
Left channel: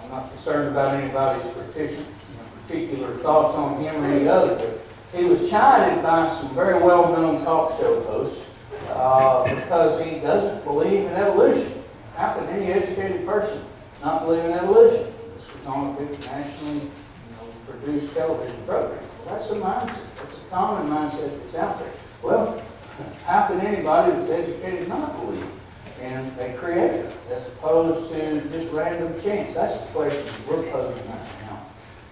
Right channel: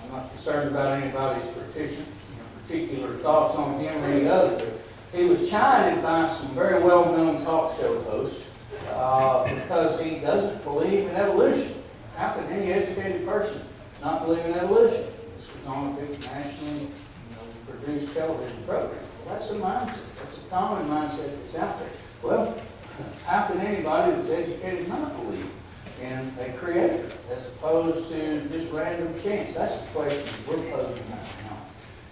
I'm not concerned about anybody's particular thoughts on him or any other, but he was chided by some very well-known talk show hosts because he doesn't believe in evolution. How can any educated person not believe in evolution? This was on a big nationally produced television program. Well, that's a mindset. That's a common mindset that's out there. Well, how can anybody that's educated not believe in a creator as opposed to just random chance? That's the question we're posing right now.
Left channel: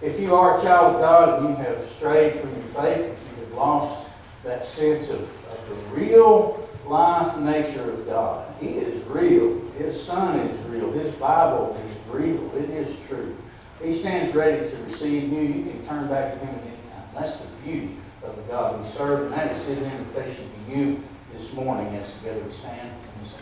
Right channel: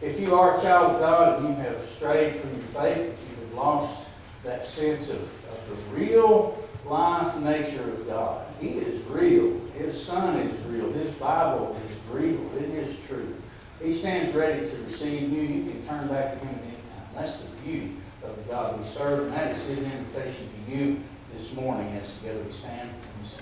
If you are a child of God and you have strayed from your faith, if you have lost that sense of the real life nature of God, He is real. His Son is real. His Bible is real. It is true. He stands ready to receive you. You can turn back to Him at any time. That's the beauty of the God we serve, and that is His invitation to you this morning as together we stand and we sing.